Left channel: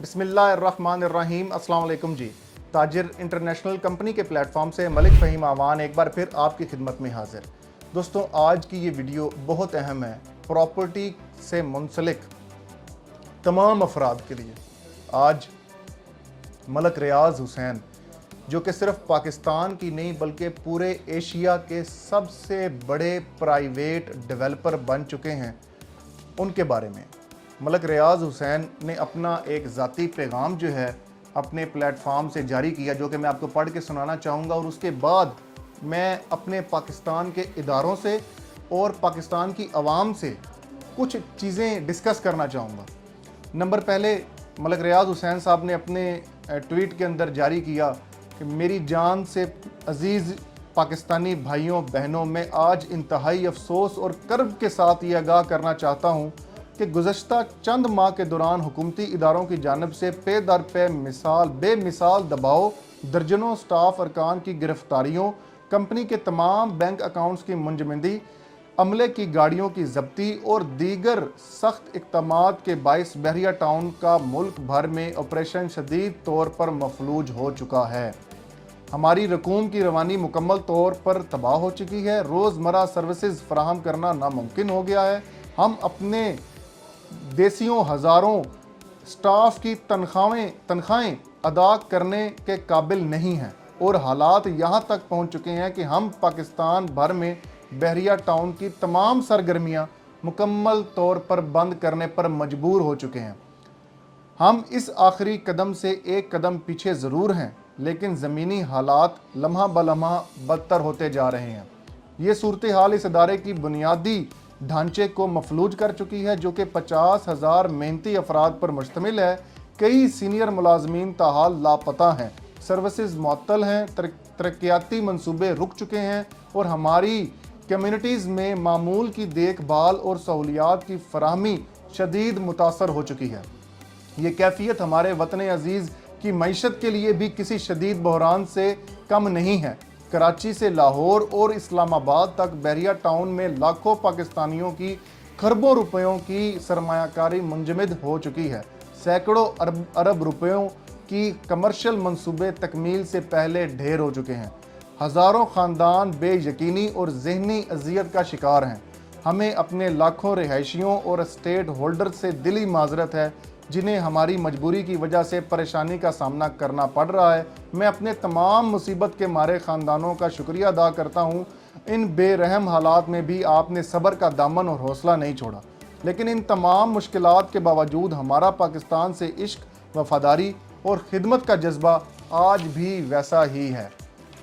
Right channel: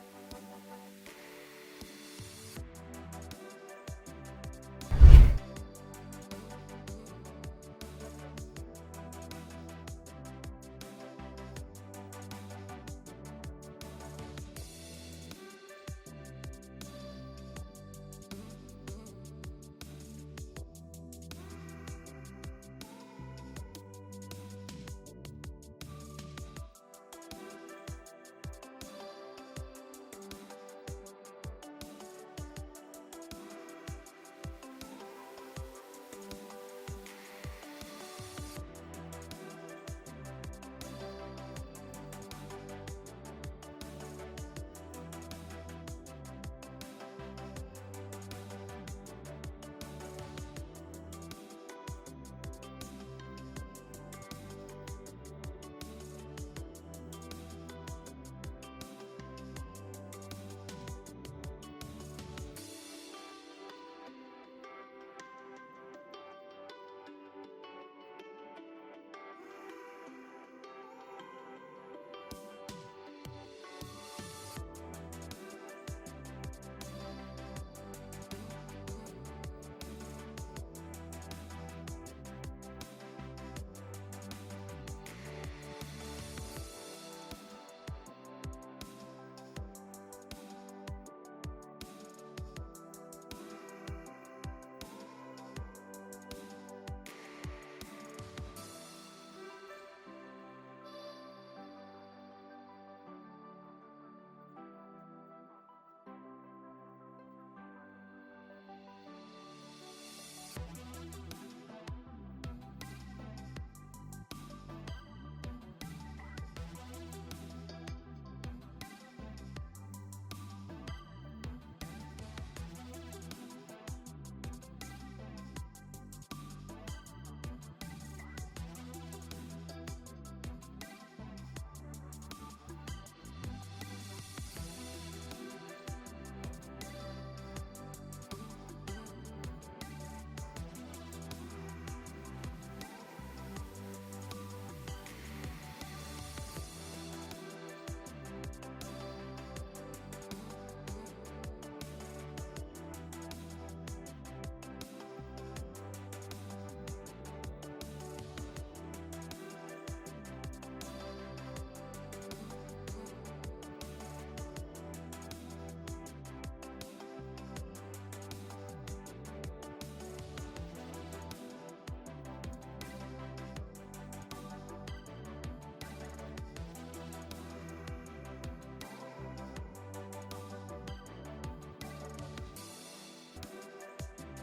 बिस्मिल्लाहिर्रहमानिर्रहीम। अस्सलाम वालेकुम जी। ताजिर इंटरनेशनल कंपनी के प्लेटफॉर्म से मलिक फ़हीम आवान एक बार फिर आपकी खिदमत में हाजिर। दोस्तों, आज की ये वीडियो बहुत अहम है प्रॉपर्टी से मुंसलिक तमाम अफराद के लिए। आज मलिक रियाज हुसैन, जो कि सिर्फ पाकिस्तान की नहीं बल्कि पूरे एशिया के सबसे बड़े प्राइवेट डेवलपर बन चुके हैं, उनके बारे में मलिक रियाज हुसैन ने अपना एक ज़ाती पैगाम जो है अपने प्लेटफॉर्म से जारी किया, जो कि मैं आपको पढ़ के सुनाना चाहूँगा। और उसके बाद मैं अपने पाकिस्तान के इदारों से और पाकिस्तान की आवाम से कुछ चीज़ें डिस्कस करना चाहूँगा। नंबर पहले, मलिक रियाज हुसैन साहब ने अपने ट्वीट के अंदर जारी किया कि मेरी जान से अजीज़ पाकिस्तानी भाइयों बहनों, मैं आज इंतहाई अफसोस और कर्ब के साथ ये आगाह करना चाहता हूँ कि गुज़श्ता चंद माह के दौरान हुकूमती इदारों की जानिब से पे दर पे बेमिसाल दबाव, दर्जनों स्टाफ अरकान की गिरफ्तारियों, कंपनी के तमाम बैंक अकाउंट्स की मुंजमदी, अमले की गाड़ियों की जब्ती और दीगर सख्त इक़दामात के बाइस बहरिया टाउन का मुल्क भर में ऑपरेशन शदीद तौर पर मफलूज हो चुका है। हमारी रकूम की रवानी मुकम्मल तौर पर तबाह हो चुकी है। रोज़मर्रा सर्विसेज फराहम करना नामुमकिन हो गया है। हम अपने देसियों हज़ारों स्टाफ की तनख्वाहें अदा करने के काबिल नहीं हैं और हालात यहाँ तक पहुँच चुके हैं कि हम पाकिस्तान भर में बहरिया टाउन की तमाम सरगर्मियाँ मुकम्मल तौर पर बंद करने पर मजबूर हो चुके हैं। हम इस आखिरी कदम से एक कदम पीछे ज़रूर हैं, लेकिन ज़मीनी हालात लम्हा बलम्हा बदतर होते जा रहे हैं। ये सूरत हाल इस इदारे की बुनियादी ढांचे को मफलूज कर चुकी है, जो कि 50,000 मेहनती अफराद पर मुश्तमिल है। कई सीनियर मुलाजमीन ताहाल लापता हैं, सर्विसेज मुअत्तल हैं, तरक्याती मंसूबे रुक चुके हैं और हमारी कम्यूनिटीज़ में मामूल की देखभाल और सहूलियात की फराहमी शदीद मुतासर हो चुकी है। ये कैफियत हमारे वतन अजीज़ की मईशत के लिए भी किसी शदीद बहरान से कम नहीं है। कराची से लाहौर और इस्लामाबाद तक बहरिया टाउन में लाखों पाकिस्तानियों की खरबों रुपयों की सरमायाकारी मुंजमद हो चुकी है। सैकड़ों अरब रुपयों की कमर्शियल मंसूबे तकमील से पहले ढेर हो चुके हैं। हज़ारों ख़ानदान बेयकीनी और ज़हनी अजियत का शिकार हैं। हमें अपने लाखों रिहायशियों और स्टेट होल्डर से दिली माजरत है, जिन्हें हमारी मजबूरी की वजह से परेशानी का सामना करना पड़ रहा है। मैं अपने तमाम मुसीबत के मारे ख़ानदानों का शुक्रिया अदा करता हूँ। इन बेरहम हालात में भी आपने सब्र का दामन और हौसला नहीं छोड़ा। लेकिन इन तमाम मुश्किलात के बावजूद हमारा पाकिस्तान से इश्क, वफादारी और खिदमत का जज्बा आज भी वैसा ही है।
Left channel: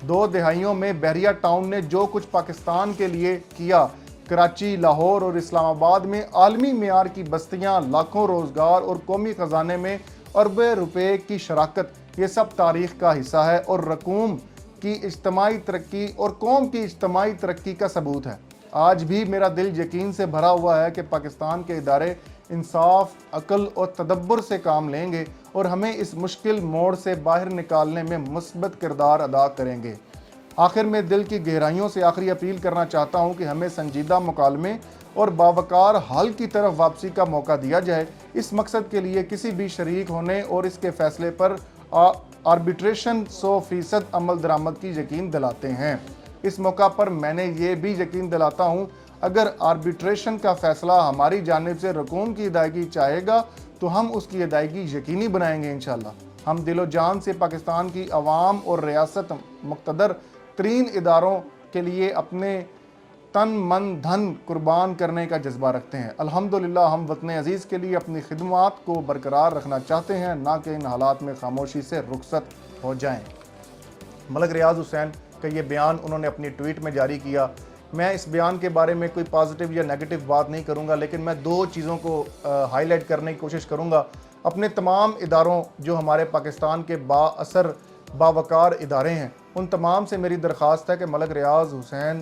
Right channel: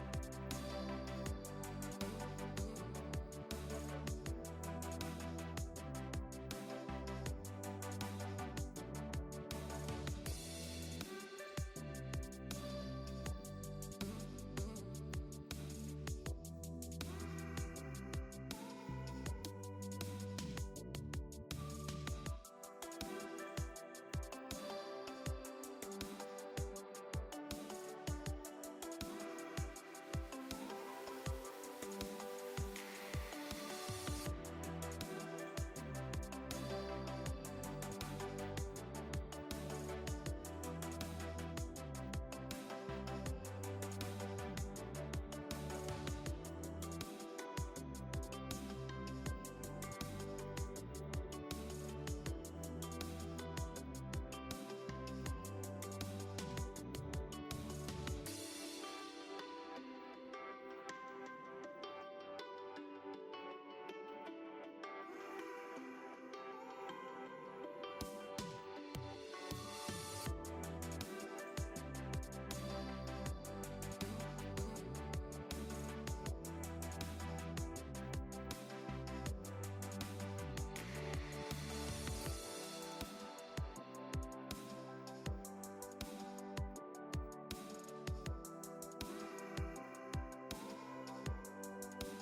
2 दहाइयों में बहरिया टाउन ने जो कुछ पाकिस्तान के लिए किया, कराची, लाहौर और इस्लामाबाद में आलमी मेयार की बस्तियां, लाखों रोज़गार और कौमी ख़जाने में अरबों रुपए की शराकत, ये सब तारीख़ का हिस्सा है और रकूम की इज्तमाई तरक्की और कौम की इज्तमाई तरक्की का सबूत है। आज भी मेरा दिल यकीन से भरा हुआ है कि पाकिस्तान के इदारे इंसाफ, अक्ल और तदब्बर से काम लेंगे और हमें इस मुश्किल मोड़ से बाहर निकालने में मुस्बत किरदार अदा करेंगे। आखिर में दिल की गहराइयों से आखिरी अपील करना चाहता हूँ कि हमें संजीदा मुकालमे और बावकार हल की तरफ वापसी का मौका दिया जाए। इस मकसद के लिए किसी भी शरीक होने और इसके फैसले पर आर्बिट्रेशन 100% अमल दरामद की यकीन दिलाते हैं। इस मौका पर मैंने ये भी यकीन दिलाता हूँ, अगर आर्बिट्रेशन का फ़ैसला हमारी जानिब से रकूम की अदायगी चाहेगा तो हम उसकी अदायगी यकीनी बनाएंगे इंशाअल्लाह। हम दिलो जान से पाकिस्तान की आवाम और रियासत मुक़्तदर तरीन इदारों के लिए अपने तन मन धन कुर्बान करने का जज्बा रखते हैं। अल्हम्दुलिल्लाह, हम वतन अजीज़ के लिए अपनी खिदमत को बरकरार रखना चाहते हैं, ना कि इन हालात में खामोशी से रुखसत हो जाएं। मलिक रियाज हुसैन का ये बयान उन्होंने अपनी ट्वीट में जारी किया। मैं इस बयान के बारे में कोई पॉजिटिव या नेगेटिव बात नहीं करूंगा, लेकिन मैं 2 चीज़ों को हाईलाइट करने की कोशिश करूंगा। अपने तमाम इदारों, जो हमारे पाकिस्तान के बाअसर बावकार इदारे हैं, उन तमाम से मेरी दरख्वास्त है कि मलिक रियाज हुसैन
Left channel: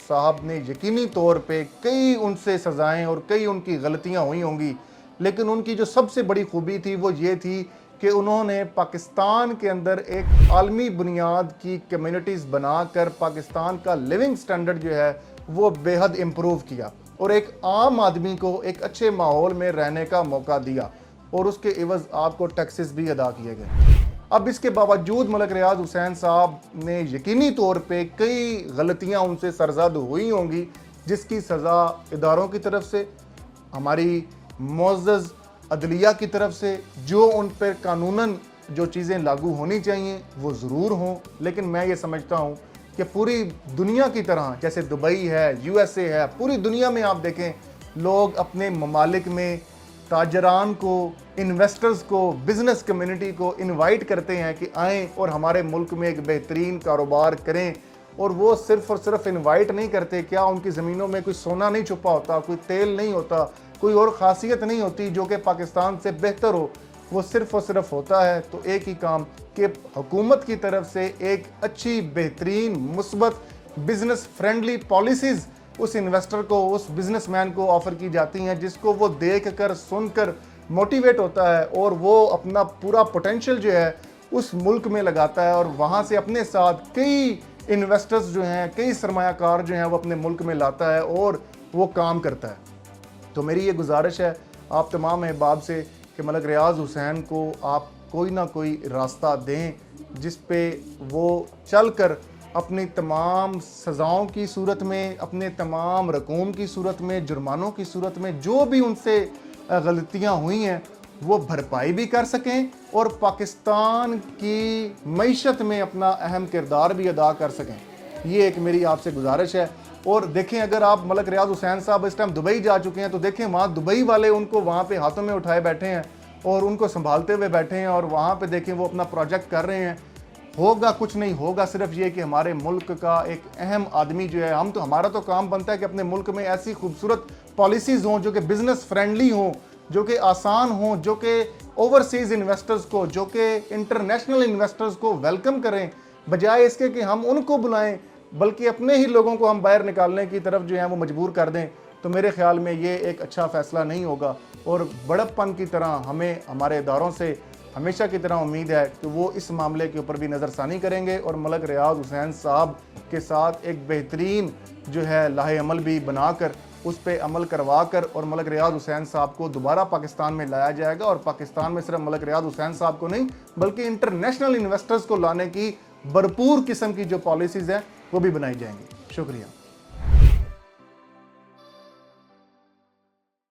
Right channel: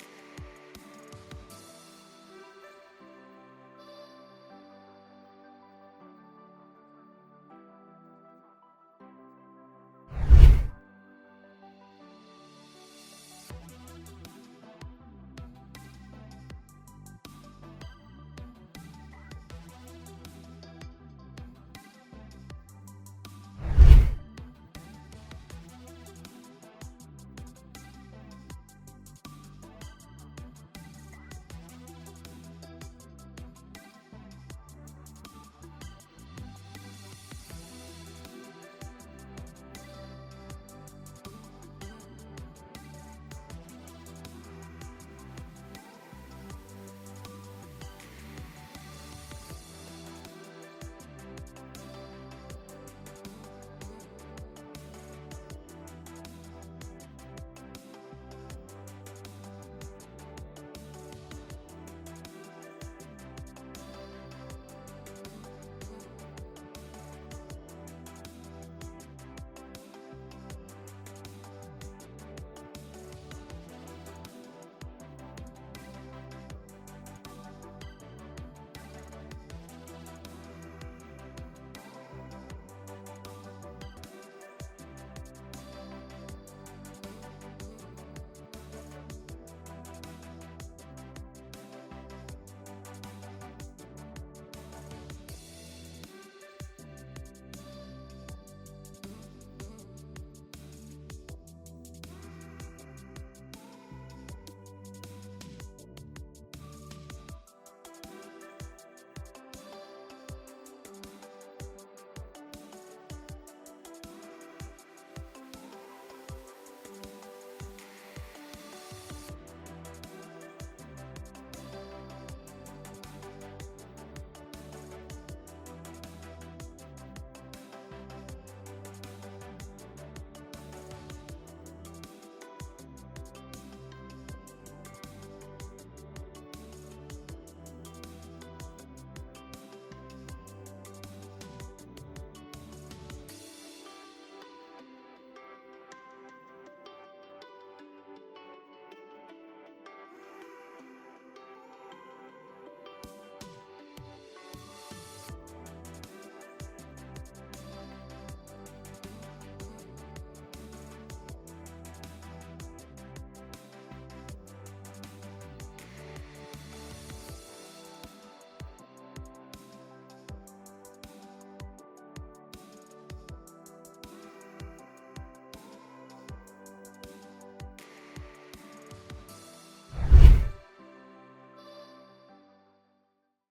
साहब ने यकीनी तौर पे कई उनसे सज़ाएँ और कई उनकी गलतियाँ हुई होंगी, लेकिन उनकी जो सबसे बड़ी खूबी थी वो ये थी कि उन्होंने पाकिस्तान के अंदर एक आलमी बुनियाद की कम्युनिटीज़ बनाकर पाकिस्तान का लिविंग स्टैंडर्ड जो है वो बेहद इम्प्रूव किया और एक आम आदमी को एक अच्छे माहौल में रहने का मौका दिया। اور اس کے عوض آپ کو ٹیکسز بھی ادا کیے گئے۔ اب اس کے باوجود ملک ریاض حسین صاحب نے یقینی طور پہ کئی غلطیاں ان سے سرزد ہوئی ہوں گی، جس کی سزا اداروں کی طرف سے، ہماری معزز عدلیہ کی طرف سے جو ان پر قانوناً جو چیزیں لاگو ہونی چاہیے وہ ضرور ہوں۔ لیکن میں یہ سمجھتا ہوں کہ پوری دنیا کی طرح، جیسے دبئی ہے، یو ایس اے ہے، پوری دنیا میں آپ دیکھیں لوگ اپنے ممالک میں تاجران کو، انویسٹرز کو، بزنس کمیونٹی کو انوائٹ کرتے ہیں کہ آئیں اور ہمارے ملک میں ایک بہترین کاروبار کریں، اور وہ صرف اور صرف انوائٹ نہیں کرتے، کیا ان کی زمینوں میں کوئی سونا نہیں چھپا ہوتا، کوئی تیل نہیں ہوتا، کوئی اور خاصیت نہیں ہوتی جو کہ پاکستان سے بہتر ہو، وہ صرف اور صرف ہوتا ہے تو ایک ہی کام کہ حکومت کی طرف سے ایک اچھی، بہترین، مثبت، بزنس فرینڈلی پالیسیز اس انویسٹر کو، اس بزنس مین کو آفر کی جاتی ہیں، جس کو وہ دیکھ کر، سن کر موٹیویٹ ہوتا ہے اور وہ اپنا پورا پوٹینشل جو ہے اس ملک میں لگاتا ہے، اور وہاں سے اپنے ساتھ کئی انویسٹرز جو ہیں، کئی سرمایہ کار جو ہیں وہ اپنے ملک میں لاتا ہے اور وہ کام کرتا ہے۔ تو میری یہ گزارش ہے آپ تمام احباب سے کہ ملک ریاض حسین کو آپ کوئی نہ کوئی راستہ دیں جس پہ وہ چل کر اپنی تمام سزاؤں کی صورت میں، اپنے تمام رقوم کی صورت میں، جرمانوں کی صورت میں جو بھی ان سے غلطیاں ہوئی ہیں وہ بھرپائی بھی کر سکیں اور پاکستان کی معیشت میں اپنا اہم کردار بھی ادا کر سکیں۔ یہ ایک میری آپ سے گزارش ہے۔ اور دیکھیں اگر آپ ملک ریاض حسین صاحب اس ٹائم دبئی جا چکے ہیں تو دیکھیں وہاں دبئی والے ان کو وہاں پہ ہاتھوں میں اٹھائے بیٹھے ہیں اور ان کو سنبھالتے ہوئے بیٹھے ہیں، اور وہاں پہ دیکھیں وہ اپنا پروجیکٹ کر رہے ہیں۔ ہوگا کچھ نہیں، ہوگا صرف یہ کہ ہمارے ملک کا ایک اہم آدمی جو ہے، ہمارا تو کام بنتا ہے کہ اپنے ملک میں ایسی خوبصورت پالیسیز ہوں جو کہ بزنس فرینڈلی ہوں، جو کہ آسان ہوں، جو کہ اوورسیز انویسٹرز کو، جو کہ انٹرنیشنل انویسٹرز کو ویلکم کریں، بجائے اس کے کہ ہم ان کو بلائیں بلکہ اپنے ہی لوگوں کو ہم باہر نکالنے کی طرف جو ہے وہ مجبور کر دیں۔ تو میرے خیال میں یہ ایک اچھا فیصلہ نہیں ہوگا، اور بڑک پن کی طرح ہمیں ہمارے اداروں سے ہمیشہ کی طرح امید ہے کہ وہ اس معاملے کے اوپر بھی نظر ثانی کریں گے اور ملک ریاض حسین صاحب کے ساتھ ایک بہترین جو ہے لاہ عمل بھی بنا کر اس پہ عمل کروا کر اور ملک ریاض حسین صاحب کو دوبارہ پاکستان میں لایا جائے گا، اور پاکستان میں صرف ملک ریاض حسین صاحب کو نہیں بلکہ انٹرنیشنل انویسٹرز کو لانے کی بھرپور قسم کی جو پالیسیز ہیں وہ بھی بنائی جائیں گی۔ شکریہ۔